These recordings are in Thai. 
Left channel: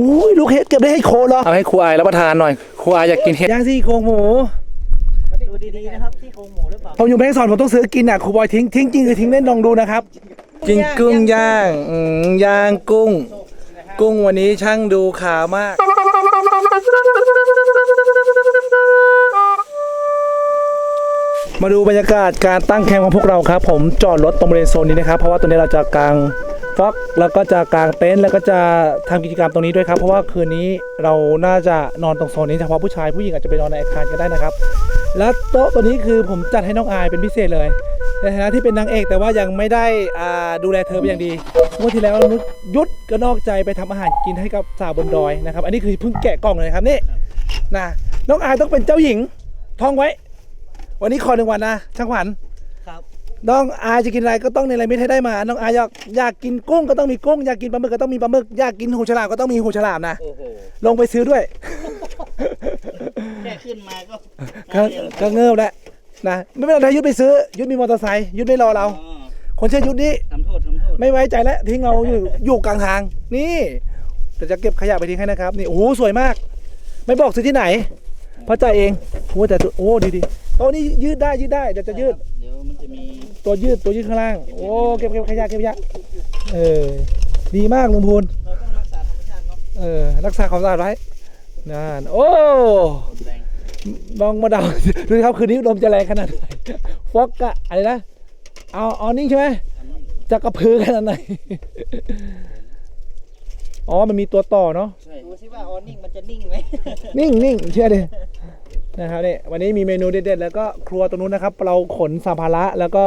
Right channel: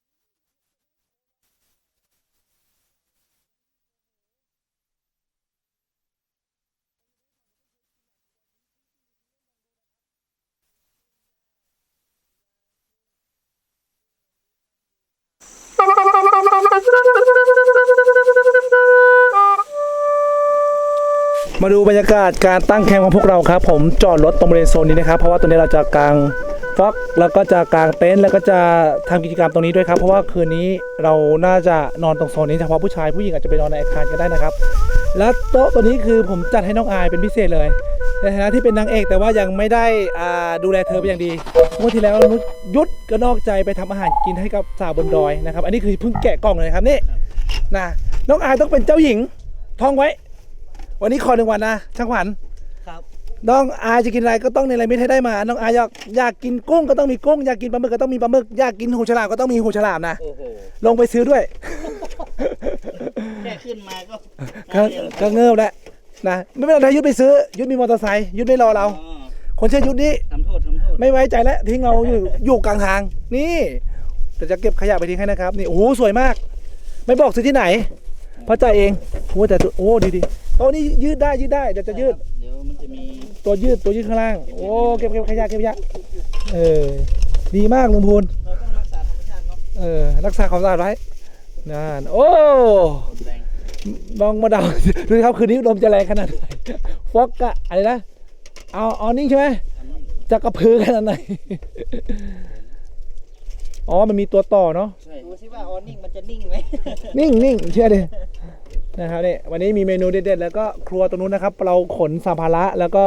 อุ้ยลูกเห็ดเก็บได้ให้โคเหรอเอาให้ครูอายรับประทานหน่อยครูอายอยากกินเห็ดย่างซี่โครงหมูมาดูดีๆนะครับที่โครงหมูหรือเปล่าผมอยู่แม่ฮ่องสอนผมต้องซื้อกินอะครูบอยทิ้งทิ้งจริงคือทิ้งเล่นลองดูนะครับกินกุ้งย่างอืมย่างกุ้ง กุ้งวันนี้ช่างดูขาวมาก มาดูบรรยากาศการตั้งแคมป์ของพวกเราครับ ผมจอดรถตรงบริเวณโซนนี้นะครับ เพราะว่าตรงนี้เราจะกางฟล็อ กแล้วก็จะกางเต็นท์แล้วก็จะทำกิจกรรมตรงนี้ด้วยครับ เพราะว่าคืนนี้เราน่าจะนอนตรงโซนนี้เฉพาะผู้ชายผู้หญิงอาจจะไปนอนในอาคารก็ได้นะครับ และโต๊ะตัวนี้คือผมจัดให้น้องอายเป็นพิเศษเลยในฐานะที่เป็นนางเอกแต่ว่ายังไม่ได้อ่าดูแลเธอเป็นอย่างดีเมื่อที่แล้วนุชยุดก็นอกใจไปทำอาหารกินให้กับสาวบนดอยนะครับ อันนี้คือเพิ่งแกะกล่องเลยครับนี่นะน้องอายต้องเป็นเจ้าหญิงท่องไว้ วันนี้ขอหนึ่งวันนะช่างขวัญครับ น้องอายจะกินอะไรก็ต้องในอะไรไม่ให้ได้มา น้องอายอยากอยากกินกุ้งก็ต้องมีกุ้ง อยากกินปลาหมึกก็ต้องมีปลาหมึก อยากกินหูฉลามก็ต้องมีหูฉลามนะ โอ้โห ลงไปซื้อด้วย แค่ขึ้นมาก็ก็ก็เงิบแล้วนะ ไม่เป็นไรยุดไปซื้อ ยุดมีมอเตอร์ไซค์ยุดไม่รอเรา อ๋อคนเชื่อยุดนี้ทำโทษทำโทษไม่ไว้ใจแล้วทิ้งเราอยู่อยู่กลางทาง นี่เดี๋ยวจะเก็บขยะไปทิ้งให้นะครับ นี่โอ้โหสวยมาก ไม่บอกซื้อที่ไหนเพราะใจายเองโอ้แต่ตัวโอ้ดีดีๆโต๊ะนี้ยืดได้ยืดได้เดี๋ยวจะยืดเดี๋ยวมันจะมี ตัวยืดตัวยืดข้างล่าง โอ้เก็บเก็บขยะเก็บขยะเออดีมากลุงพูนเราต้องรักษาธรรมชาติเนาะเออรักษาความสะอาดไว้นั่นโอ้แรงลองมาเดาดูสิครับคืนนี้ลมจะแรงขนาดไหนฟอกกะอะไรนะเอาเอานิ่งใช่ไหมอันนี้จะกระพือขนาดไหนอ๋อ มันมีตัวต่อเนาะใช่ดูสิว่าออนิ่งมันจะนิ่งไหมนิ่งนิ่งเชื่อดิ นะครับเนี่ยวันนี้มีเมนูเด็ดๆแล้วก็ครัวตรงนู้นนะครับ เราขนสัมภาระแล้วก็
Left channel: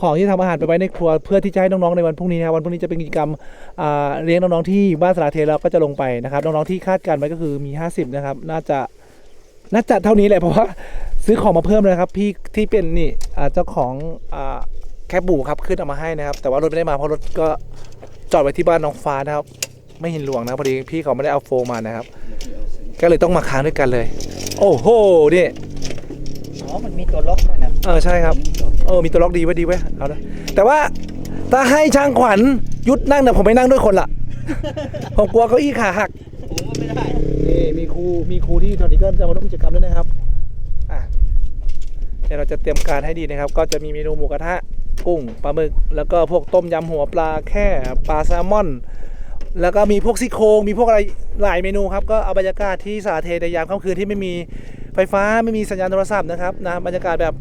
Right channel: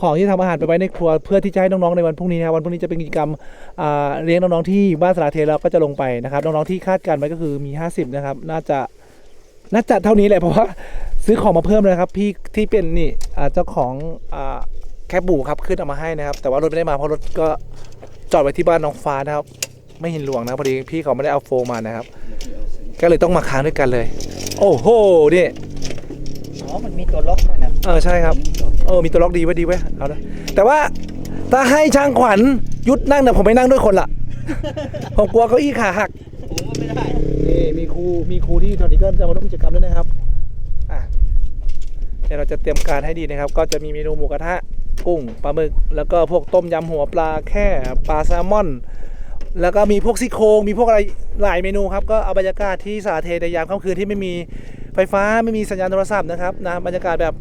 ของที่ทำอาหารไปไว้ในครัวเพื่อที่จะให้น้องๆในวันพรุ่งนี้นะครับวันพรุ่งนี้จะเป็นกิจกรรมเลี้ยงน้องๆที่บ้านสระเทเราก็จะลงไปนะครับน้องๆที่คาดการณ์ไว้ก็คือมี 50 นะครับ น่าจะน่าจะเท่านี้แหละเพราะว่าซื้อของมาเพิ่มเลยครับ พี่ที่เป็นนี่เจ้าของอแคบบูครับขึ้นเอามาให้นะครับ แต่ว่ารถไม่ได้มาเพราะรถก็จอดไว้ที่บ้านน้องฟ้านะครับ ไม่เห็นหลวงนะพอดีพี่เขาไม่ได้เอาโฟมมานะครับ ก็เลยต้องมาค้างด้วยกันเลย โอ้โหนี่อ๋อมันมีตัวล็อกด้วยนะเออใช่ครับ เออมีตัวล็อกดีไว้ดีไว้ยเอาละแต่ว่าถ้าให้ช่างขวัญยุดนั่งเนี่ยผมไม่นั่งด้วยคนละ ผมกลัวเก้าอี้ขาหัก ผมก็ไม่ได้นี่มีครูมีครูที่ตอนนี้ก็จะมาร่วมกิจกรรมด้วยนะครับอะเดี๋ยวเราจะเตรียมการให้ดีนะครับ ก็จะมีเมนูหมูกระทะ กุ้งปลาหมึก แล้วก็พวกต้มยำหัวปลาแค่ปลาแซลมอน แล้วก็มีพวกซี่โครงมีพวกอะไรหลายเมนูครับก็เอาบรรยากาศที่สาเทในยามค่ำคืนที่ไม่มีไฟฟ้าไม่มีสัญญาณโทรศัพท์นะครับนะบรรยากาศแบบ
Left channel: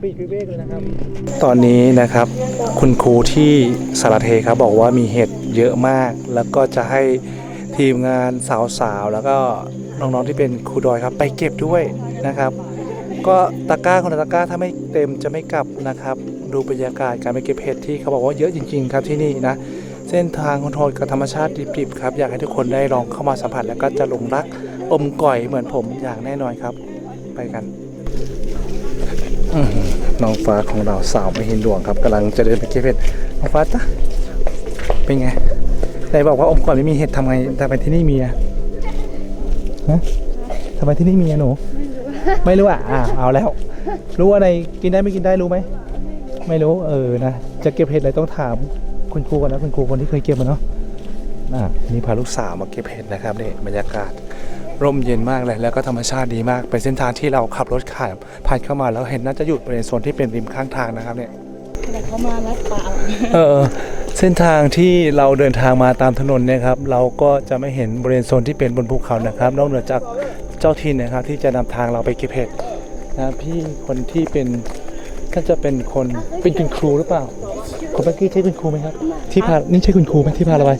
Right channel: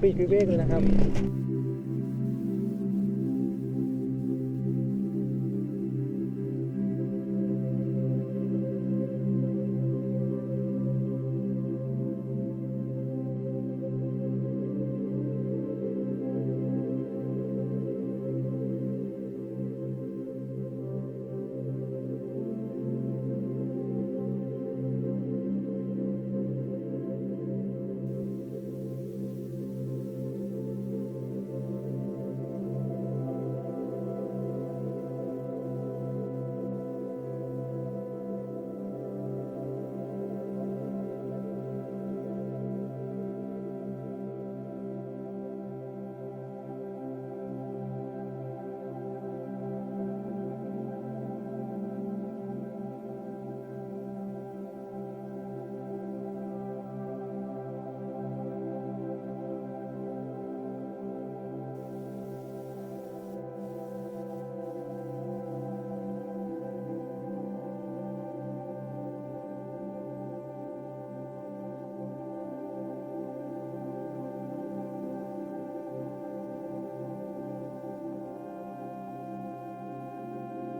ปีกวิเวกเลยนะครับ ตอนนี้นะครับคุณครูที่สารเทครับบอกว่ามีเห็ดเยอะมาก แล้วก็จะให้ทีมงานสาวๆแล้วก็น้องๆที่เป็นครูดอยครับ ไปเก็บด้วยนะครับ ก็ตะกร้าคนละตะกร้าถ้าไม่เต็มจะไม่กลับนะครับ ดูบรรยากาศการไปเก็บเห็ดที่เขาบอกว่าเยอะจริง ๆ ครับที่นี่นะ เส้นทางคนโทรลกับธรรมชาติดิบๆครับ อยากให้ทุกคนได้ลองเข้ามาสัมผัสแล้วก็จะหลงรักอมก่อยเหมือนผมอย่างแน่นอนครับ ไปกันน้องฟ้าของเราสาวไม่เห็นดวงครับกำลังจะเดินไปเก็บเห็ดน้องฟ้าจ้ะเป็นไงไหนบอกว่าอมก่อยไม่มีเห็ดทำไงทำไมที่นี่มีอะฮะทำไมที่นี่มีอะหนูไม่รู้อะอ่าเอาแล้ว รู้อะไรกินได้ไม่กินได้รู้ไหม ไม่รู้ เออ นะ จะเก็บเห็ดอะไรต้องถาม คุณครูก่อนนะคุณครูคนที่เคยเก็บมาเนาะอะนี่พาลูกสาวมาเก็บเห็ดนะครับนี่บรรยากาศร่มเย็นมากเลยแล้วก็ธรรมชาติดีมากเป็นเส้นทางที่เราขับรถผ่านผ่านเข้ามาแล้วเห็นน่าจะหยุดบริเวณโซนที่เป็นริมข้างทางนะครับเนี่ยแต่เขามาลัดป่าเออเส้นทางที่เราเดินทางมาตามถนนเนี่ยครับเราก็จะไม่เห็นบริเวณโซนที่เป็นบนภูเขานะครับ นอกเหนือจากเจ้าถิ่นนะครับ ที่จะนำทางเราไปเก็บเห็ดนะพี่คนที่เป็นน่าจะเป็นคนเป็นคุณครูหรือเปล่า คนเมื่อกี้ใช่คุณครูไหมครับ ที่พา นี่ใช่คุณครูไหมที่พาเราไป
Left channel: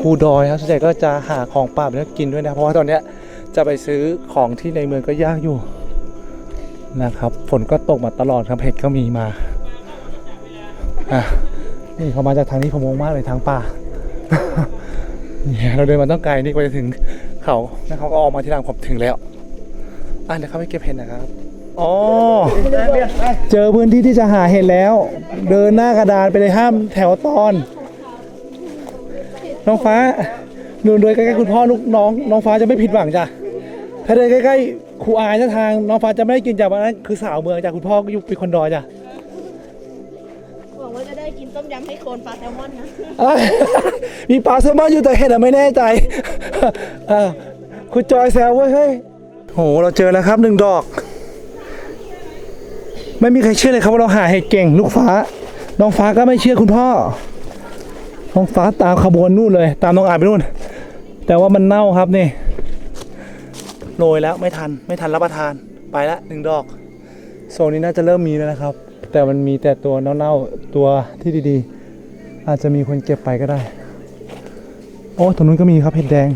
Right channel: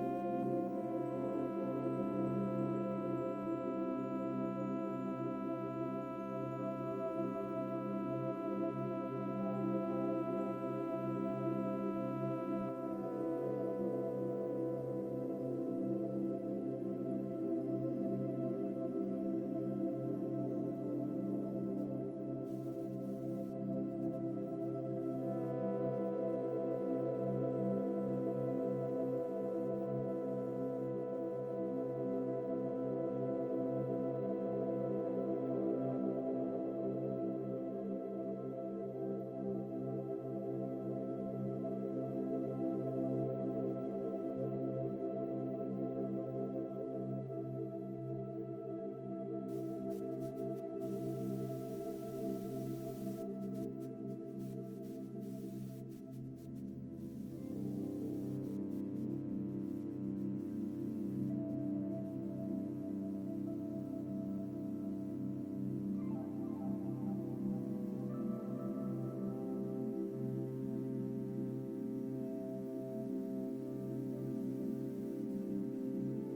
ครูดอยครับส่วนใหญ่ก็จะหาของป่าไปแล้วกินด้วยนะ เพราะว่าตอนเนี้ยจะไปซื้อของที่ในเมืองก็ยากอยู่นะครับ ฝนก็ตกมาตลอดครับเห็ดก็มีมาอะนี่เขามาจากทางนี้ผมงงมากเลยทางป่าเนี่ยเราเดินมาต้องไกลนี่กว่าจะถึงเขาแล้วเขาก็ออกมาที่หลังผมถึงแล้วอะเดี๋ยวเขาไปเก็บเห็ดนะครับ อ๋อ เจอพื้นที่ที่จะหาเห็ดแล้ว เดินหน้ากระดานไปเลยห้ามแถวตอน น้องฟ้าหนูเดินใกล้ๆคุณพ่อลูกน้อง น้องฟ้าจะไม่ผิดหวังจ้ะถ้าเดินใกล้ๆครูอายนะทาง น้องฟ้าจะไม่ได้กินจากวันนั้นคือสาวเมืองจากคุณพ่อก็อยู่เป็นคนดอยจ้ะหวังว่าจะได้กินต้มยำให้โคนปลาแซลมอนนะ อะไร มีปลาแซลมอนอยู่แต่เห็ดอะไม่แน่ใจอ่าคุณจอยแซวเว้ยเฮ้ยโหเราเจอแล้วครับหนึ่งดอก ไม่มีใครเชื่อเลยครับว่าเราหาเห็ดเก่งลูกฟ้า น้องฟ้าก็ไม่เชื่อคุณพ่อ น้องฟ้าตามขบวนนู่นเลย ตามน้องอายไปนู่น แต่ว่ามันเน่าครับนี่โรยแล้วไม่ทันไม่ทันรับประทานไปละหนึ่งดอก โซนนี้น่าจะเริ่มมีแล้วนะครับ แต่มันมีแต่ตัวเน่าๆตัวที่ดีๆ อาจจะมีคนเก็บไปก็ได้ โอ้ตรงนู้นก็มีครับเห็ดแดง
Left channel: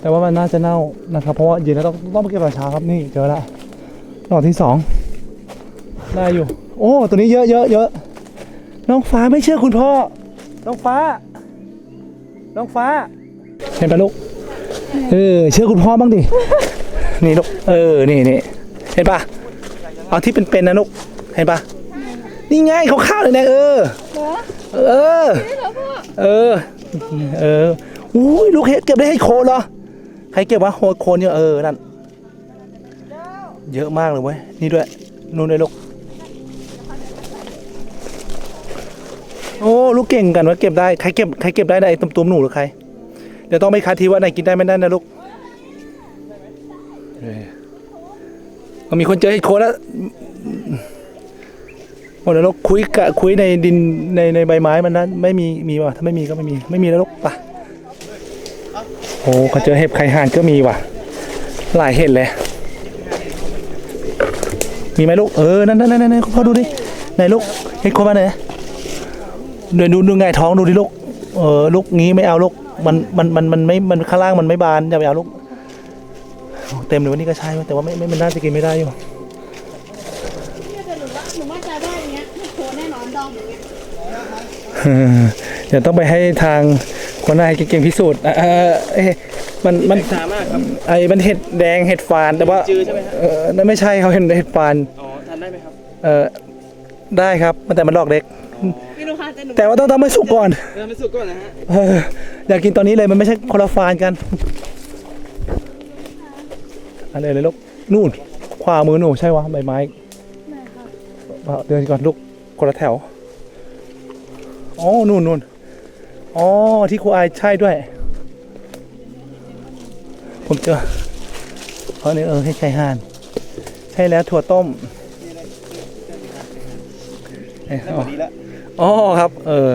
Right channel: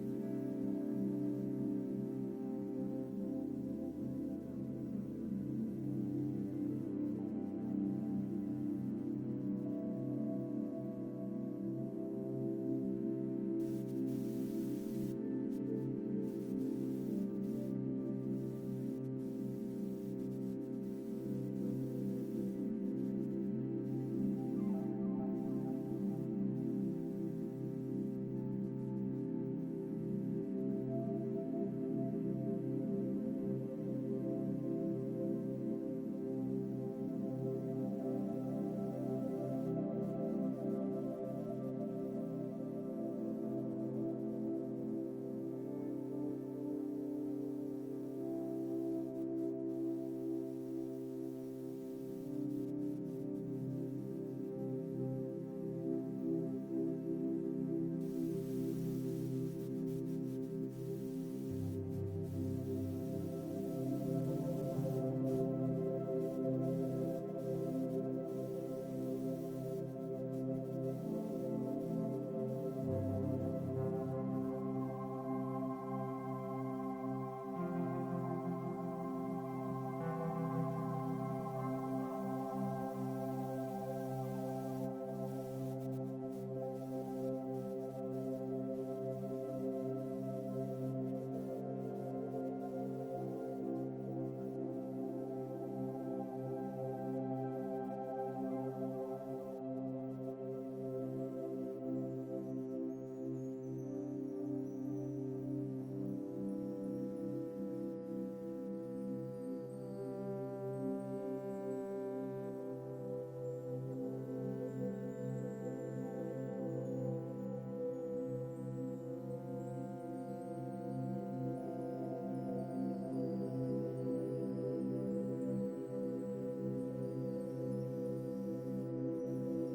แต่ว่ามันน่าจะเน่านะครับ เพราะว่าเย็นแล้วต้องต้องเก็บตอนเช้าครับนี่เจอละดอกที่สอง ได้อยู่ โอ้ ตัวนี้เยอะเยอะเยอะน้องฟ้าไม่เชื่อคุณพ่อ น้องฟ้า น้องฟ้า เห็นปะลูก เออ เชื่อคุณพ่อบ้างดิ นี่ลูก เออ นี่นี่เห็นปะเอาที่เป็นๆนะลูก เห็นปะนี่ไงเขาข้าวเลยนะเออ เออ เออ เอออุ้ยลูกเห็ดเก็บได้ให้โคนเหรอ ใครเก็บวะโคโคนเนี่ยเออ นั่น เยอะมากเลยเว้ย นี่ด้วย นู่นด้วยลูก โอ้ลูกเก่งกันว่าเก็บได้ใครเก็บใครเก็บได้ได้ตุ้มๆหนูหรือใครเดี๋ยวต้องไปคัดทีว่าไหนกินได้ไม่ได้นะลูกเออมันมีคนเจอเห็ดโคนแล้วโอ้เดี๋ยวเราคุยกะคุยในดินในในใบไม้มันนั้นไม่มีมีว่ะถ้าไม่มีก็ไม่มีไม่มีแล้วลูกไปะโอ้เขาเจอเห็บไข่ห่านก็มีว่ะ หลายเห็ดเลยมีไหมลูกเออนั่นนั่นนั่นนั่นพ่อดูดิไหนลูกเห็ดโคนมาไหน ดี๋ยวดูดูไงท้องดูดิลูกเออลูกงี้ไม่เอาลูกมันมันมันมันไม่มันข้างล่างมันไม่บานอย่าไปเอาลูกเต็มเลยวันนี้ก็ใช่เว้ยแต่ว่าไม่ไม่มันน่าจะกินไม่ได้อยู่หนูว่าหนูมั่นใจว่าอย่างเงี้ยโคนแน่นอนดองอย่างเงี้ยเออเดี๋ยวต้องไปให้ทางคนนายเก่งๆพิสูจน์อะเออเอ๊ะมันมันสามารถครับไอ้มันเห็ดแดงเห็ดฟานแต่ว่าจือใช่ไหมครับเออนั่นไม่ใช่เขาเห็นเห็ดฟานอ๋อทานได้ไหมครับเออได้ครับมันแต่มันดอกเล็ก ไม่รู้ค่ะแต่หนูแต่ว่าต้องทำให้สุกก่อนเริ่มไม่สุกก่อนนะฮะเอออยากกินตอนนี้เลยมันไม่ใช่คนละฟานกันอะไรเลยลูกนู่นขวามือหนูใช่วะใบไม้เดินก่อนลูกคนละแถวอ๋อนู่นนู่นอ๋อที่ครูอายใช่ด้วย ผมเจอเขาเนี่ยเออให้ไก่ห่าน ใช่แล้วถั่วต้มเอ้ยนั่นอ๋แบอบนี้ละ อ๋อครับ เออ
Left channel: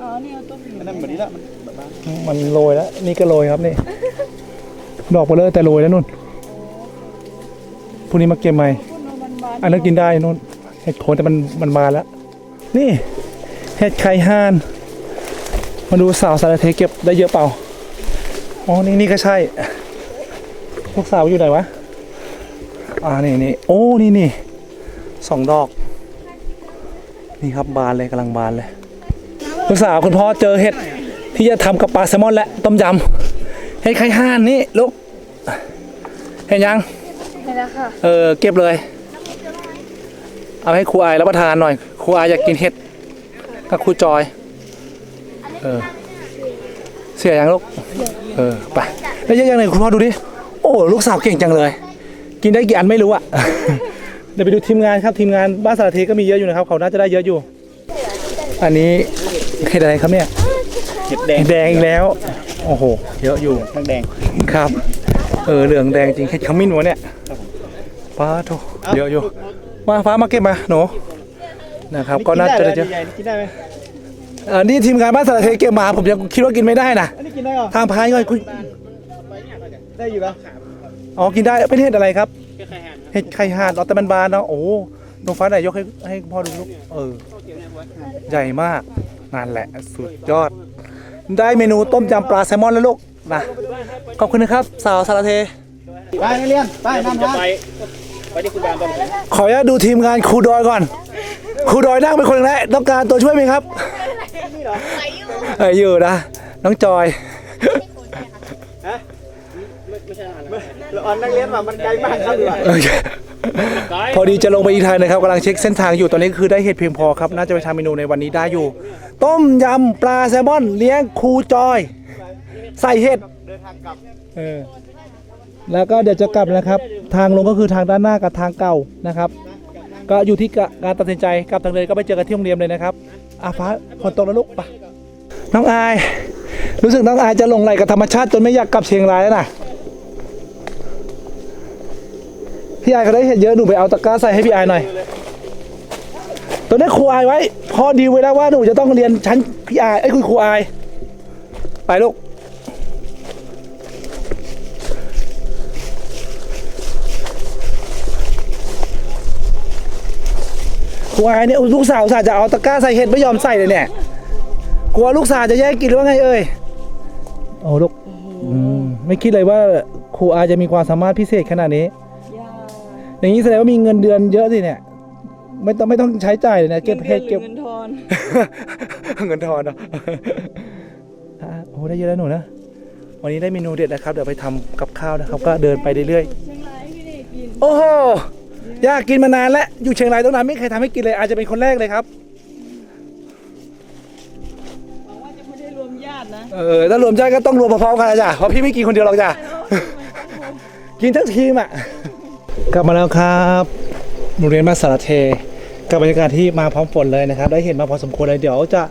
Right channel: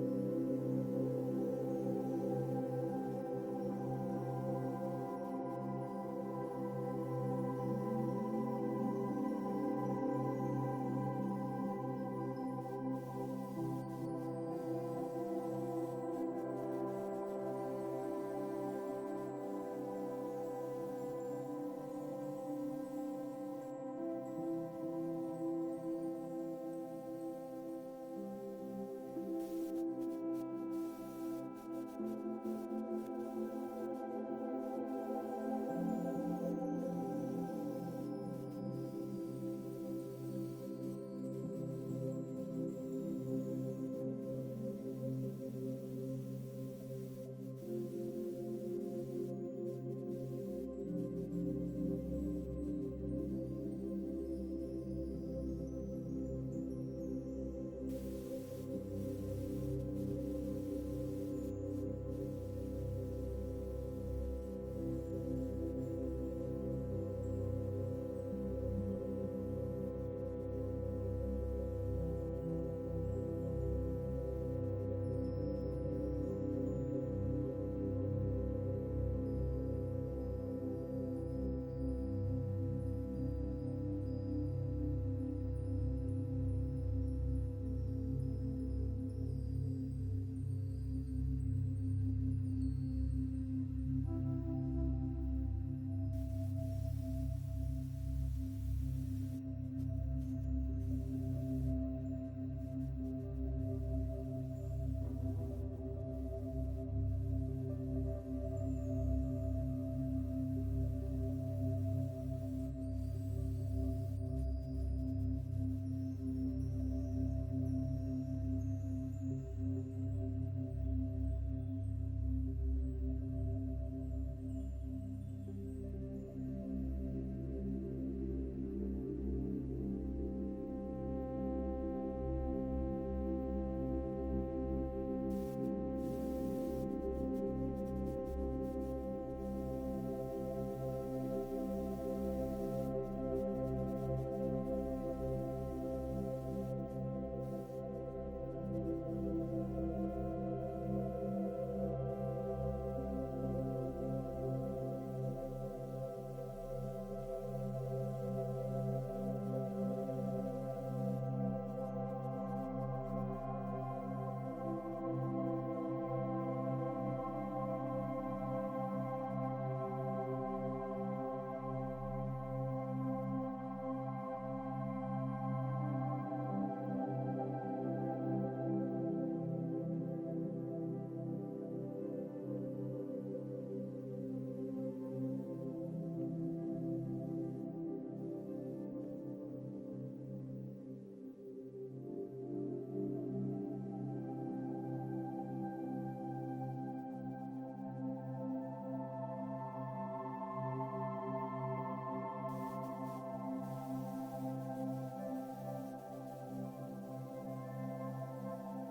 อ๋อเนี่ยเอาตัวผิวนั่นแบบนี้ละมันโรยแล้ว นี่ก็โรยครับนี่ ดอกเบลเลอแต่โรยแล้วนุ่นพรุ่งนี้มาเก็บใหม่ อันนั้นกินได้นุ่นเห็ดโคนแต่มันมันมาแล้ว นี่เห็ดไข่ห่านมาดูสาวสารเทเก็บได้เยอะเปล่า อ๋อ นี่นี่ก็ใช่ พวกสาวอยู่ไหนวะ อ่า นี่นี่โอ้ นี่นี่สองดอก นี่ครับบานเลยกำลังบานเลยลูกสาวคุณพ่อเจอเห็ดที่จะทำกับปลาแซลมอนและต้มยำเห็ดไข่ห่านนี่ลูกเห็นยังเห็นแล้วค่ะเออเก็บเลย เอาให้ครูอายรับประทานหน่อยครูอายอยากกินเห็ดกับครูจอยเออเสียยังลูกเออไปแล้วยังยังไงคุณพ่อดูดิโอ้ลูกสาวเก่งจังเลย กินได้กี่อันไม่รู้อะ เดี๋ยวไปดูทีมงานครับทีมงานบ้านสารเทก็มีเยอะอยู่นะครับเขาน่าจะได้เยอะอยู่ อันนี้เห็ดอะไรครับเนี่ยเห็ดแดงเห็ดแดงอีกแล้ว โอ้โห เยอะอยู่ทั้งแดงครับ เออเหลืองแดงจริงเห็ดขมิ้นวะเนี่ยป้าโถเยอะอยู่มาฟ้ามาเก็บมาหนูนะครับ ก็น่าจะได้เยอะใหญ่ๆนี่กินได้ไหมเออนี่ทีมงานบ้านสารเทเก็บมาผมยังคิดว่ากินไม่ได้นะอันนี้กินได้เหรอทางพายก่อนคุณได้อยู่ปะอ๋อกินได้เป็นเห็ดอะไรครับ เห็ดไข่ห่านอ๋อแต่มันบานเนาะโอ้โหหนูฟ้าไหนยกให้ให้พ่อดูลูกเออ ใหญ่มากนั่นแหละสุดยอด ได้เมนูต้มยำปลาแซลมอนแล้วลูกนะขอบคุณนะครับ สาวสารเท ไปนักเรียนไปนั่งนะขออนุญาตดูทีมงานครูดอยก่อน ครูดอยนั่งเป็นคนแรกต้องการตัวช่วยไหมครับเอออยู่นะ น้องจอยเออนนักเรียนว่ามันไกลมากครับโอเคพอดีจะลงไปอีกทางนะครับกำลังเช็คเส้นทางอยู่ตอนนี้คือได้เห็ดเพียงพอครับน่าจะไปทำเมนูในวันนี้ได้อยู่ ต้มยำปลาแซลมอนเลี้ยงครูจอย ใส่เห็ดเออแล้วก็เดี๋ยวจะกลับนะครับ ทางลงก็คือทางด้านหน้ากับทางเก่านะครับ ก็อยู่ที่การตัดสินใจกลับทางเดินก็ไปเจอกันที่โรงเรียนเลยนะครับอาฟ้าฝนตกแล้วลูกไปน้องอาย รู้สึกน้องอายจะหลงไหลกับธรรมชาติจนไม่อยากกลับเชียงรายแล้วนะ พี่ไอเขาได้เห็นเยอะหนูไปเอาตะกร้าใส่ให้พี่ไอหน่อยตัวนี้ครูไอไว้พอดีไว้แล้วว่าหนูจะต้องเรียนชั้นพี่ไอไอ้คุณครูไอไปลูกครูไอเนี่ยลูกสาวสาห์จะเอาตะกร้าใส่เห็ดไม่ยอมใส่เลยเนี่ยกลัวลูกสาวจะแย่งกินหรือว่าไงเอ่ยโอ้ลูกไม่คิดเลยว่าครูอาจะมีความสามารถพิเศษขนาดนี้ อย่างนี้แสดงว่ามีเงินเดือนเยอะสิเนี่ย ไม่ต้องไม่ต้องใช้จ่ายเลยนะเก็บเห็ดเก็บเงินทอน เงินทอนเนาะอะโอ้ได้เยอะแล้วหนูนะ วันนี้ได้เมนูเด็ดนะครับ เดี๋ยวไปทำกับข้าวนะครับ ก็เดินไปเรื่อยเชียงรายพี่เด็กกินๆ โอ้โหอยากกินมานานแล้วอยู่เชียงรายตั้งนานไม่เคยทำให้กินเลย อาจจะเป็นคนแรกเลยครับ หวังว่าจะไม่ได้รวมญาตินะเออถ้ารวมใจก็ต้องรวมพร้อมๆกันนะจ้ะเพราะพี่ไม่กินคนเดียวหรอกจ้ะ กินทั้งทีมอะ กลับมาแล้วครับโรงเรียนบ้าสารเทกับบรรยากาศที่มาพร้อมฝนเลยนะครับ ได้เห็นมาพอสมควรเลยเดี๋ยวจะ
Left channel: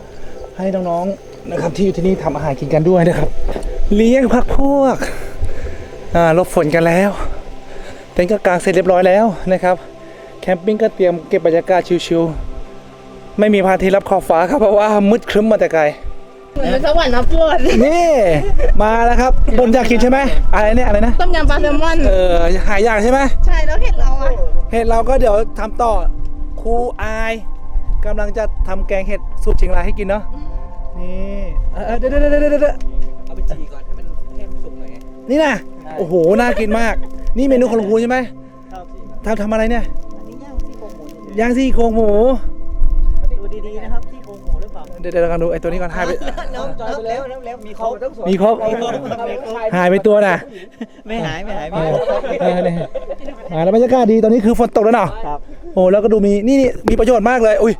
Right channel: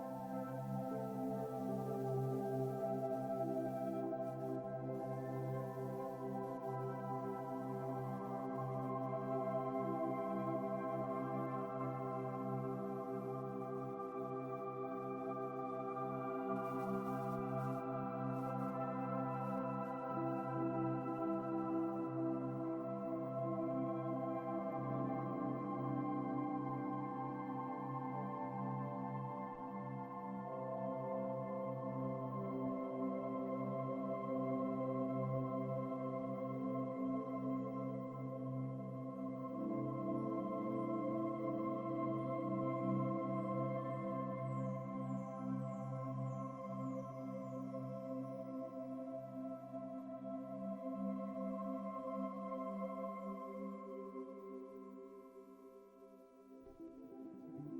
ให้น้องๆนะครับที่อยู่ที่นี่ทำอาหารกินกันด้วยนะครับ เลี้ยงพักพวกอ่าลบฝนกันแล้วเต็นท์ก็กางเสร็จเรียบร้อยแล้วนะครับ แคมปิ้งก็เตรียมเก็บบรรยากาศชิวๆไม่มีพระอาทิตย์รับขอบฟ้าครับเพราะว่ามืดครึ้มมาแต่ไกล เหมือนเป็นสวรรค์นะปวดนี่มาแล้วครับบนอยากกินใช่ไหมอะไรเนี่ยอะไรนะต้มยำปลาแซลมอน เออหายอยากใช่ไหมใช่แล้วเห็ดเราอะ เห็ดเราก็เดี๋ยวทำต่อครูอายกำลังจะทำแกงเห็ดสูตรเชียงรายให้กินเนาะนี่เออเออเดี๋ยวเดี๋ยวเดี๋ยวเดี๋ยวเดี๋ยวเอาไปจีก่อนให้มันให้มันสุกหน่อยนี่นะโอ้โหน่ากินมาก นี่เมนูของลุงครูใช่ไหมครับทำทำอะไรเนี่ยอันนี้ย่างซี่โครงหมู เดี๋ยวเดี๋ยวเรากันดูไอ้ตัวนี้ก่อนหายไปน้องจอยไปแล้วแล้วแล้วมีครบมีครบมีครบมีครบหายไปตัวน่ะไม่หายไม่หายไม่หายเออเนี่ยแล้วบรรยากาศดีตอนนี้คือฝนตกแล้วเนาะโอ้แล้วก็ดูมีนี่มีประโยชน์มากเลยอุ้ย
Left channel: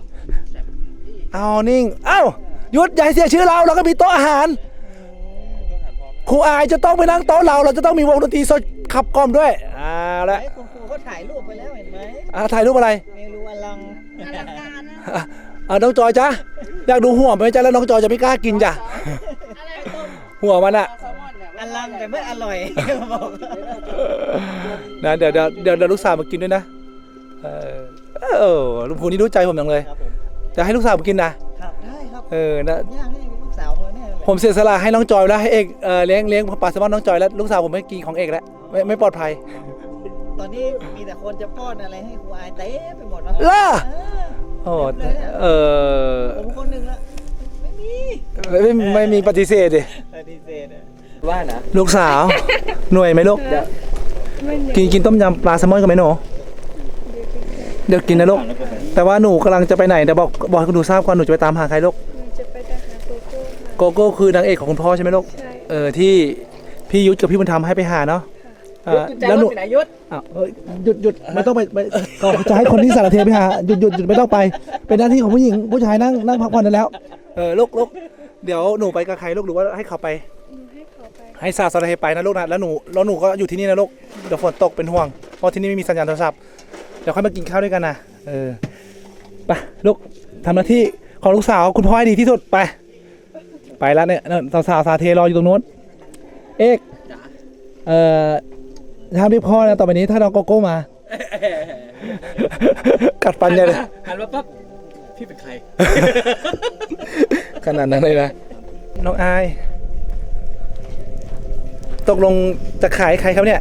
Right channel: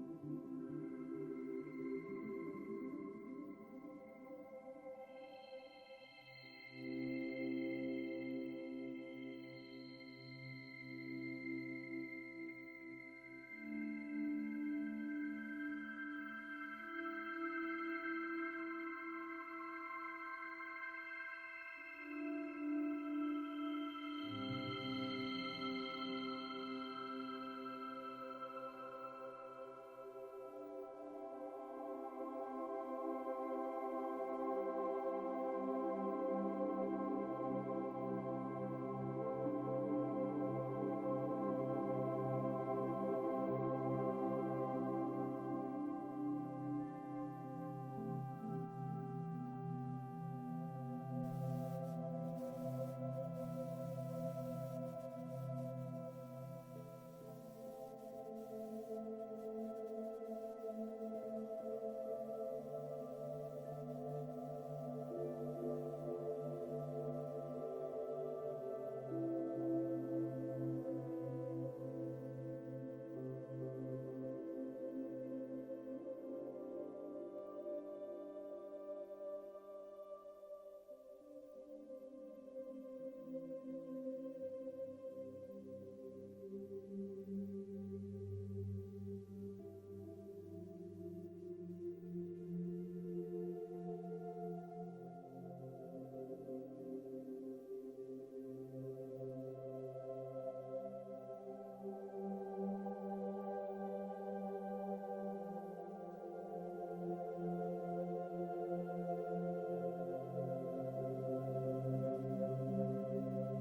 เอานิ่งเอ้าหยุดอย่าให้เสียชื่อเราเราก็มีโต๊ะอาหารครูอายจะต้องไปนั่งโต๊ะเรา เราจะต้องมีวงดนตรีสดขับกล่อมด้วยเอาละคุณครูก็ถ่ายรูปไปแล้วเห็นไหมอะถ่ายรูปอะไรเมนูอลังอลังการนะอะอะน้องจอยจ้ะ อยากดูหัวไหมจ้ะแล้วน้องจอยจะไม่กล้ากินจ้ะอะไรต้มหัวมันอะแซลมอนเนี่ยอลังแต่ไม่อร่อยบอกนะเดี๋ยวเดี๋ยวเดี๋ยวเดี๋ยวลูกสาวมากินด้วยนะเออเออลุงพูนี่รู้ใจผมจังเลยครับผมจะให้ลูกสาวมากินนะครับได้ครับเออนะย่างให้ลูกสาวมาเนี่ยผมเสียสละให้น้องจอยแล้วให้เอกเออเลี้ยงเลี้ยงปลาแซลมอนน้องจอยแล้วลูกสาวผมไม่กินของเอกแล้วไม่ไม่ปลอดภัย ตอนนี้มีแต่คนจะป้อนอะไรให้ครูอายเต็มไปหมดแล้วล่ะเออโอ้เออผมคนหนึ่งละไม่มีไม่ไม่ไม่มีปฏิเสธดิปฏิเสธอะว่านะลูกสาวหน่วยไหมลูกไม่เหนื่อยกินกินต้มยำปลาแซลมอนกันไหมหนูเดี๋ยวกินนะลูกแต่ว่าหนูกำลังจะไปไหนเดี๋ยวบอกบอกให้คุณหนูทราบก่อนหนูจะไปตามหาใครลูกจะไปแต่หาโกโก้ค่ะโกโก้คือนางเอกของคุณพ่อใช่ไหมลูกใช่เออที่พี่ยุทธกับพี่บุญธรรมให้ไปหาเนาะ เออแล้วหนูไหนยุทธอ้าวเอ้ยหยุดหยุดไม่ต้องไปไปก็จะให้คนที่สารเทไปหาหยุดหยุดหยุดไม่ต้องไป เป็นหน้าที่ของผู้หญิงผู้ชายนั่งนั่งพักผ่อนได้แล้ว เออลูกลูกเดี๋ยวหนูไปกับใครลูกหรือว่าให้เขาไป หนูให้เขาไปให้สาวสารเทไปนะลูกนะแล้วหนูแล้วหนูก็อยู่ที่นี่นะลูกเดี๋ยวฝนตกเป็นห่วงเพราะที่นี่ไม่มีสัญญาณโทรศัพท์เดี๋ยวค่อยมากินข้าวด้วยกันนะเออไปลูกทำหน้าที่ของลูกสาวคุณพ่อให้ดีที่สุดไป ไปแล้วเนี่ยนั่นสาวสาวสารเทรออยู่ตรงนู้นเอกเอ่อ ห้ามเรียกพ่อนะต่อไปนี้ถ้าน้องโกโก้มา กัดฟันใหญ่เลยหันมาปั๊บพี่เป็นใคร ขนาดนั้นเลยนะน้องอาย ตกลงจะขายใครครับเนี่ย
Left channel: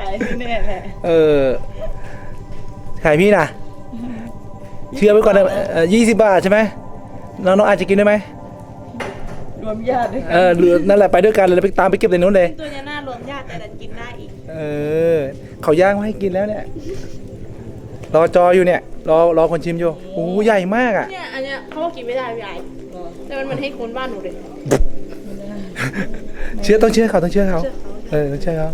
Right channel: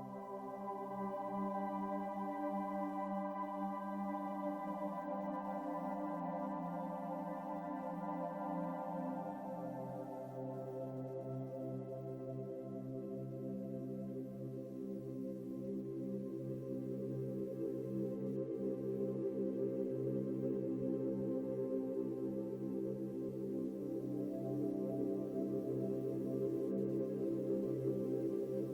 ขายที่แน่แน่เออ ขายพี่นะเชื่อไว้ก่อนนะยี่สิบบาทใช่ไหมน้องน้องอาจจะกินได้ไหมรวมญาติด้วยเออหรือนั่นแหละไปด้วยกันเลยไปตามไปเก็บในนู้นเลย ตัวเนี้ยน่า รวมญาติแต่ดันกินได้อีก เออเขาย่างมาให้กินแล้วเนี่ยรอจออยู่เนี่ยรอรอคนชิมอยู่โอ้โหใหญ่มากอะ เนี่ยอันเนี้ยเขาบอกกินไม่ได้พี่ไอแต่มันมันให้คนบ้านหนูเลยเชื่อต้องเชื่อเขาต้องเชื่อเขาเออต้องเชื่อเขา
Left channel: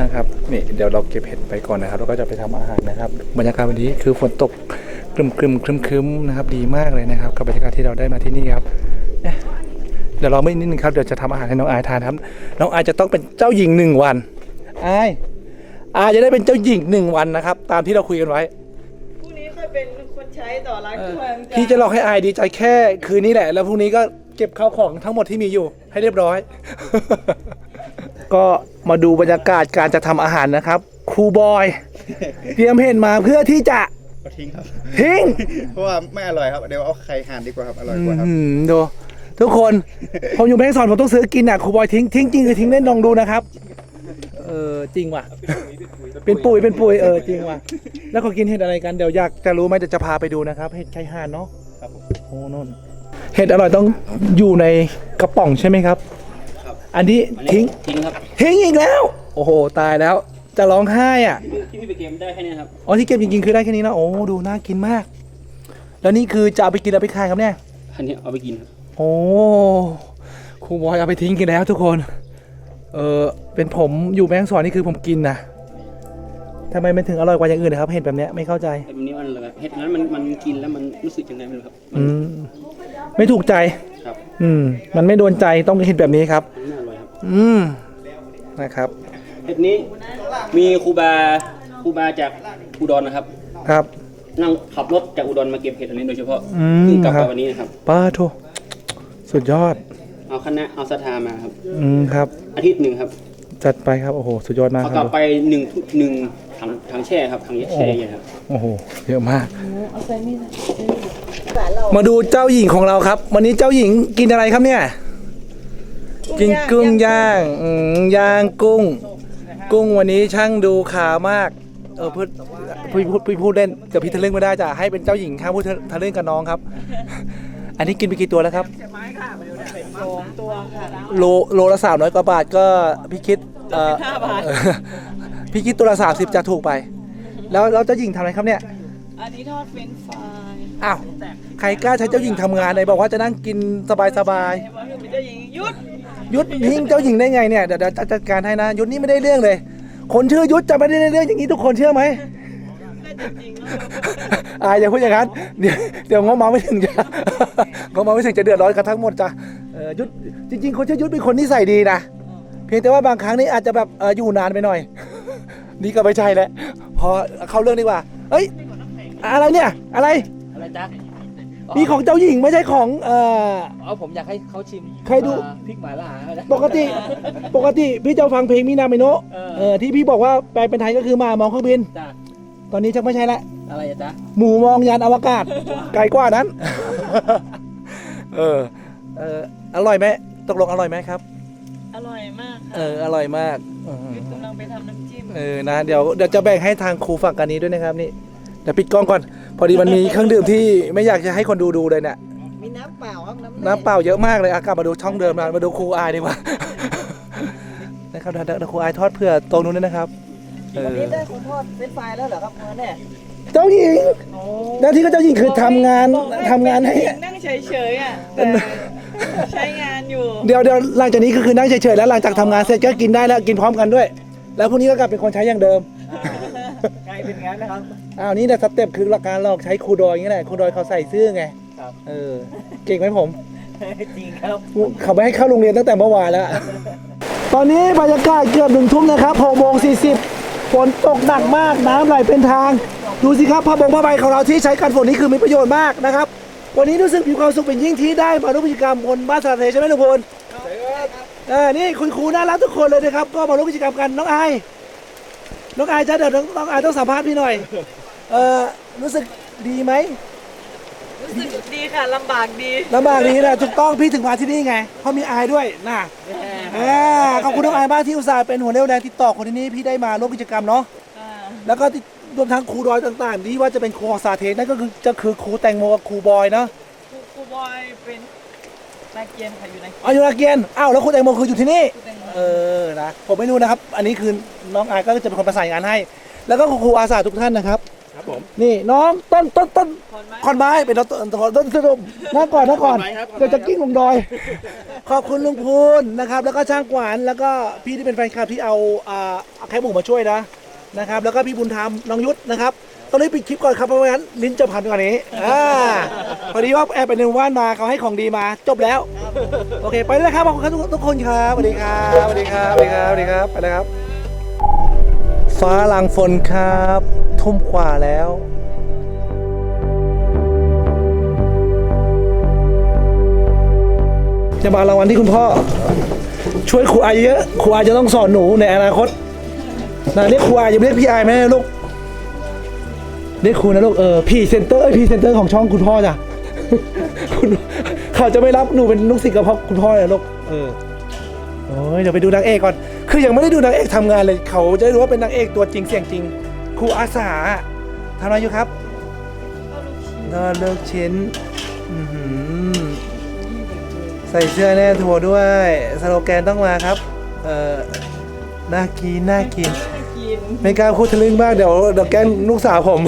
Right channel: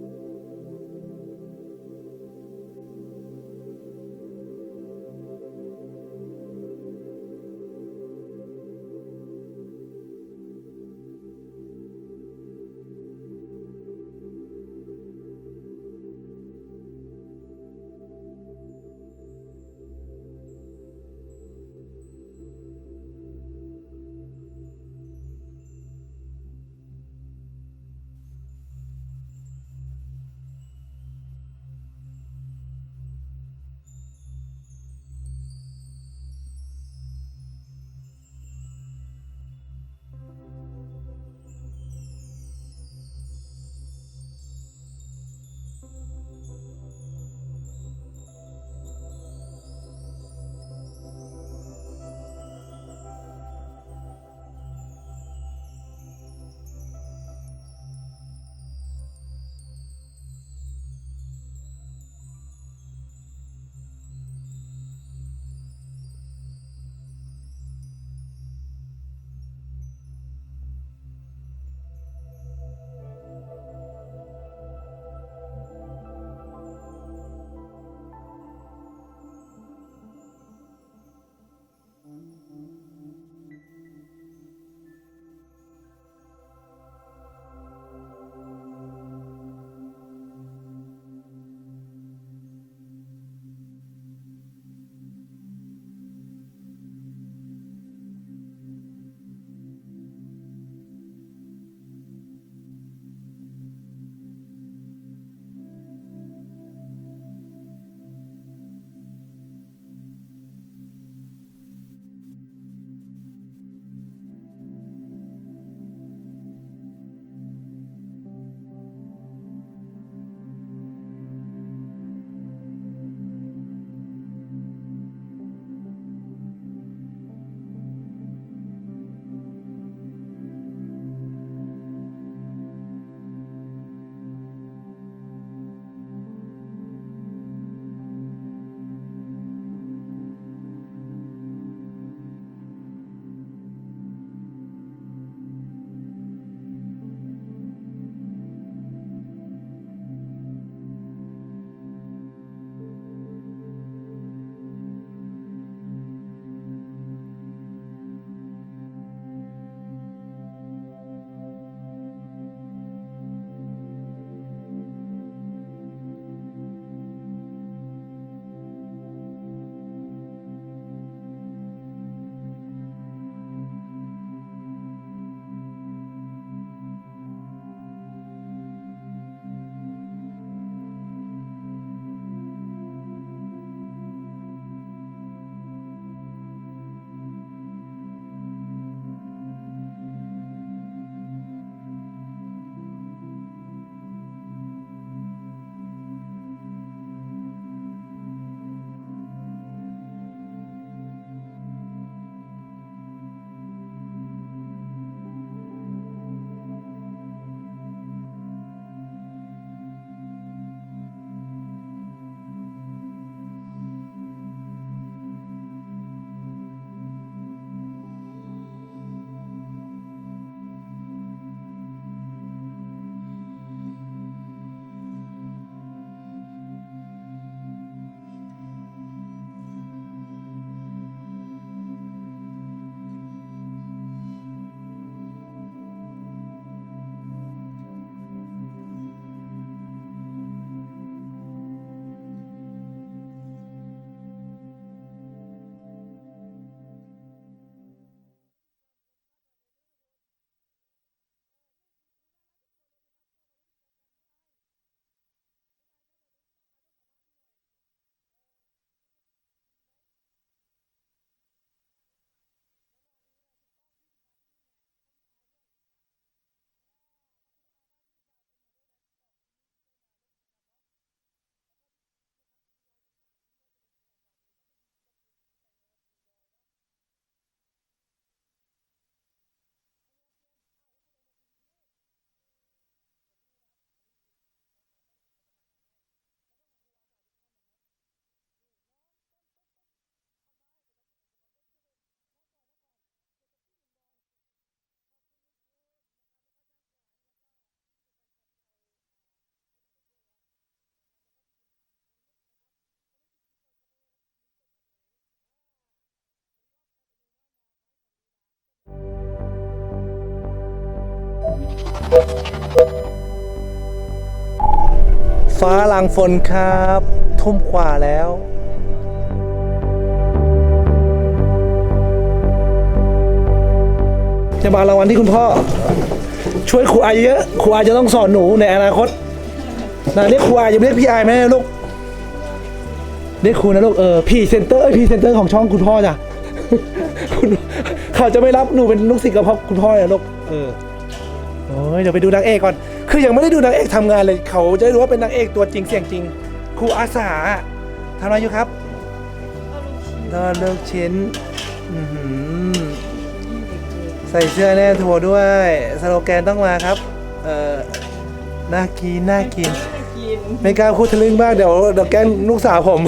นะครับนี่เดี๋ยวเราเก็บเห็ดไปก่อนนะครับแล้วก็จะไปทำอาหารนะครับบรรยากาศวันนี้คือฝนตกครึมครึมครึมครึมๆนะครับดีมากเลยนะครับกับบรรยากาศที่เราได้มาที่นี่ครับ เอ๊ะเดี๋ยวเราไม่นิดนึงครับเดี๋ยวจะทำอาหารให้น้องอายทานครับ น้องอายจะต้องเป็นเจ้าหญิงหนึ่งวันอายอาจะได้เป็นเจ้าหญิงหนึ่งวันนะครับ ตามที่เราคุยกันไว้พรุ่งนี้ค่อยเป็นคนใช้ต่อร้านเครื่องพี่จะหลอกให้อายดีใจแค่คืนนี้แหละ แล้วพรุ่งนี้ก็เก็บข้าวของทั้งหมดที่มีอยู่ให้เรียบร้อย ก็มาดูบรรยากาศการจะทำอาหารนะครับครูบอยเตรียมเห็นมาเพื่อที่จะก็ทิ้งครับทิ้งเพราะว่าไม่อร่อยครับเดี๋ยวเอาไข่ห่านดีกว่าครับอร่อยกว่าครับอืมดู ทุกคนผมอยู่แม่ฮ่องสอนผมต้องซื้อกินอะครูบอยทิ้งทิ้งจริงคือทิ้งเล่นลองดูนะครับ เออจริงว่ะ เป็นปุ๋ยเป็นปุ๋ยเออจริงว่ะ แล้วเขากินเห็ดอะไรกันเดี๋ยวอยากจะรู้ไหมเดี๋ยวจะพาไปดูนะครับเห็ดไข่ห่านเนาะโอ้นนเห็ดอร่อยต้องอยู่ในกระป๋องใช่ไหมครับ อันนี้ทิ้งทิ้งครับทิ้งอีกแล้ว โอ้โหตายแล้ว จะร้องไห้อะที่พี่ไปเกมได้แค่นี้ครับอ๋อที่เก็บจริงๆคือได้แค่นี้นะโอ้ดูน่ากินมาก แล้วนี่คือจะเอาไปกินแล้วไปขายครับเนี่ยอันนี้เอาไปกินครับ โอ้ครูบอยเอาไปทิ้งกันแล้วทุกคน เออเป็นผมอยู่แม่ฮ่องสอนนี่คือผมกินนะทำไมมันถึงอร่อยกว่าอย่างอื่นนะครับ เห็นแบบเนี้ยไม่เข้าใจแต่แบบนี้มันแบบเห็ดนั้นมันมันกินแล้วมันรู้สึกยังไงไม่รู้ครับมันอืมไม่ถูกใจครับ อืม มันไม่โดนใจต้องเห็นแบบนี้ครับ มันไม่อร่อยครับอืมนะครับ เห็ดนี้มีครูบาครูบาจากอุดรนะครับ ครับ นั่งขับรถจากอุดรมาเก็บเห็ดอันนี้โดยเฉพาะอืมเพิ่งกลับครัมาบ วันนี้นะครับ ป้าโท สุดยอด เอาคณะเอาสถามาครับ อืมครับ อาทิตย์หนึ่งครับจัดไปครับ โอ้โห สุดยอดมากเอาคกลัรับบ ไปหนึ่งหนึ่งถังถังแช่ครับถังแช่ใหญ่ครับ โอ้โห เยอะมาก มาดูเจ้าหญิงของเราครับ วันนี้เจ้าหญิงกินอะไรครับเนี่ย กินกุ้งย่างอืมย่างกุ้ง กุ้งวันนี้ช่างดูขามาก เออพูดพี่พูดพี่พูดเล่นเดี๋ยวพี่ทะลึ่งไม่ได้จ้ะให้เป็นเจ้าหญิงข้างพูดทะลึ่งกับน้องครับ อันนี้กินไปกี่ตัวแล้วครับ ส องตัวค่ะโลโลละสามร้อยกว่าบาทก็พี่คิดเอ่อห้าบาทเออพี่คิดตัวละสามสิบจะถูกไป แล้วแล้วเจ้าหญิงทำอะไรครับเนี่ยอันนี้ทอดเฟรนช์ฟรายอ้าวใครกล้าใช้เจ้าหญิงทำงานไหนบอกว่าจะนั่งกินสบายสบายเห็นว่าเป็นเจ้าหญิงยุดๆยุทธทิ้งเจ้าหญิงได้ไงเนี่ยเดี๋ยวเดี๋ยวจัดการให้นะยุทธนี่ไม่ได้เรื่องเลย คนชื่อยุทธจะไม่ได้เรื่องอย่างนี้ทุกคนเชื่อไหม อายอย่าพูดอย่างนั้น เดี๋ยวเดี๋ยวงอมาไม่ถึงจะงอมาไม่ถึงจะเดือดร้อนกันทั้งหมดจ้ะเออยุทธจริง ๆ คนชื่อยุทธเป็นคนนิสัยดีนะเพียงแต่ว่าบางครั้งนี่อาจจะแบบเอออยู่นานไปหน่อย นี่ก็ไม่ใช่แล้วพอเข้าเรื่องดีกว่าเฮ้ยอะไรเนี่ยอะไรอะไรจ๊ะมีของเจ้าหญิงไม่ใช่ของเอ่อเอาผมอยากให้เขาชิมใครดูอ่าพริกหม่าล่าเอานะปกติปกติพี่จะฟังเพลงมินาเมโนะเออเออที่พี่บอกว่าแปลเป็นไทยก็คือหมามองเครื่องบินจ้ะ ตอนนี้ชักไม่ใช่ละอะไรอะจ๊ะหมูมองยานอวกาศ ไกลกว่านั้น เออเอออร่อยไหมตกลงอร่อยไหมครับ อร่อยมากเอออร่อยมากอืมกำลังไปทำน้ำจิ้ม เออนะเดี๋ยวเดี๋ยวจะแบ่งให้ทางครูฝั่งกันนี้ด้วยนะครับนี่เดี๋ยวปิดกล้องก่อน พอดีมันมีเครื่องดื่มที่ไม่อยากจะให้คนดูดูเลยเนี่ย มีน้ำเปล่าครับน้ำน้ำเปล่าเยอะมากเลยอากลับมาดูช่องเดิมนะมาดูครูอายดีกว่า นะครับเดี๋ยวเดี๋ยวครูอายทอดเพื่อตรงนู้นด้วยนะครับ เอวันอนี้ได้คนทอดเฟรนช์ฟรายแล้วเหรอครับเมื่อเนี่ยเจ้าหญิงหน้าที่ก็เจ้าหญิงคือทำงานทำงานให้ นั่งเฉยๆอะแต่ใช้งานอยู่ เดี๋ยวเดี๋ยวหลังจากนี้ก็คือนั่งเฉยๆแล้วหลังจากทำงานเสร็จก็กินได้แล้วกินพร้อมกันด้วย แล้วพรุ่งนี้ก็กลับเป็นคนใช้อย่างเดิมใครเป็นงั้นนะครับ อ้าวนี่แหละสเต็ปคือหลักการหลอกใช้ครูดอยอย่างนี้แหละครูดอยเขาใส่เสื้อไงครับ เออเก่งไหมผม จริงครับ เขาไม่ให้เข้าโรงเรียนตั้งแต่เมื่อวานแล้ว ตอนนี้บรรยากาศเกือบหนึ่งทุ่มนะครับหกโมงสี่สิบ ฝนตกหนักมากน้ำไหลเป็นทาง ดูสิครับผ้าบงผ้าใบของเราที่ใช้กันฝนนี้คือมีประโยชน์มากนะครับ วันนี้รู้สึกมีความสุขเป็นยิ่งที่ได้มาร่วมกิจกรรมคนบ้านสระเทใช่ไหมทุกคนเออนี่คุณครูน่ารักทุกคนเลยนะครับ ก็มาร่วมกิจกรรมกันน้องไอายน้องไอายจ้าเดี๋ยวน้องน้องไอายต้องสัมภาษณ์พี่หน่อย เออรู้สึกดีไหมรู้สึกดีค่ะลำบากดีลำบากนี้นะถูกต้องพี่ถึงมาที่นี่ไงเพราะมีอายด้วยนะ อ่าขอบคุณน้องอายมากที่อุตส่าห์เป็นหัวเรี่ยวแรงติดต่อคนที่นี่พี่ได้มาร่วมกิจกรรมเนาะแล้วก็ติดรวมทั้งครูดอยต่างๆ ที่ว่าจะเป็นครูของสาเทนั่นก็คือจะคือครูแตงโมกับครูบอยเนาะครูครูบอยเป็นนักเกียนค่ะอยู่ในอายุนาเกียนอ้าวแล้วครูแตงโมคืออยู่ที่นี่เออ นะ ผมไม่รู้นะครับ อันนี้คือน้องอายก็จะเป็นคนประสานงานให้ แล้วก็ครูอาสาทุกท่านนะครับ ครับผม นี่น้องต้นต้นต้น ขอนไม้ขอนไม้เป็นต้นต้นต้นต้นต้นนั่งก่อนนั่งก่อนเดี๋ยวจะกิ้งลงดอย ขอบคุณลุงพูนนะครับ แล้วก็ช่างกวานแล้วก็พี่ที่เป็นแฟนคลับที่เอาอ่าเอาแคบหมูมาช่วยนะนะครับ แล้วก็พี่บุญธรรมน้องยุทธนะครับตอนนี้ปิดคลิปก่อนครับเพราะว่างั้นลิ้นจะพันกว่านี้อ่าพอดีว่าแอบไปในหมู่บ้านมาเขาให้ของดีมาจบแล้ว โอเค ไปเลยครับขอบคุณครับทุกทุกคนครับสวัสดีครับสวัสดีครับสวัสดีครับสวัสดีครับไปเลยครับ ฟ้าหลังฝนครับ ทุ่มกว่าแล้ว จะมารางวัลที่คุณพ่อ ช่วยครูอายเยอะครูอายจะต้องสอนหนูในอนาคตนะเรียกครูอายอย่าเรียกพี่อายไหมลูกเรียกครูนะลูกเออพี่เซนเตอร์พี่เซนเตอร์ของช่องคุณพ่อจ้ะคุณเขาจะไม่รับหนูเป็นลูกศิษย์กับพ่อคุณพ่อเลยลูกเออโอ้ยเดี๋ยวไปดูนางเอกก่อน คือยังไม่ได้ดูนางเอกทำงานเลย เขาจะได้รู้ว่าเป็นนางเอกตัวจริงเสียงจริง ครูอาสาทำอะไรอยู่ครับก็เลิกชิ้นอื้อหือ ใส่เสื้อแน่ทัวร์ด้วยสโลแกนต้องมาครับ เออน่ากินน่ากิน ไม่กล้าพูดทะลึ่งมากเดี๋ยวเดี๋ยวแกล้งลูกสาวผม